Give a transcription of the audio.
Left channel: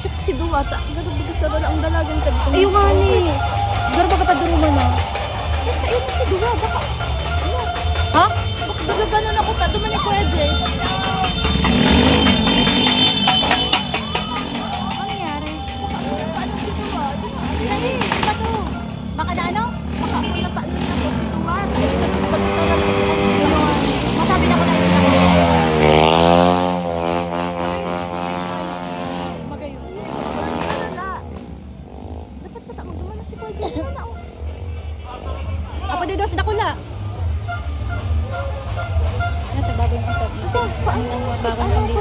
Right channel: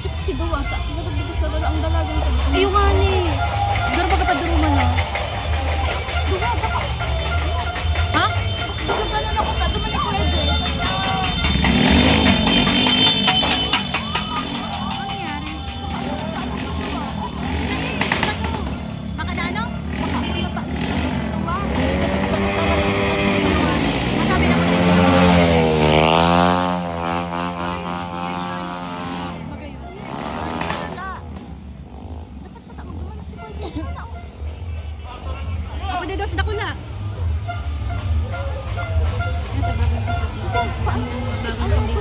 check si Duwata. Garo ba sa wala ang dalagang ka. Ayun nga ni. Garo ba ka duro mama? Sa ito si Duwata ka. Ha? Bakit gano'n ako pa? Di mo ni Kuya Jay. Ano nangyari? Baka na ano? Nasabi na ba? Magayon. Dapat pa tamo doon na si Kuya Jay. Apa din daw sa dakula? Ito, bago na ito. Ang bago na kami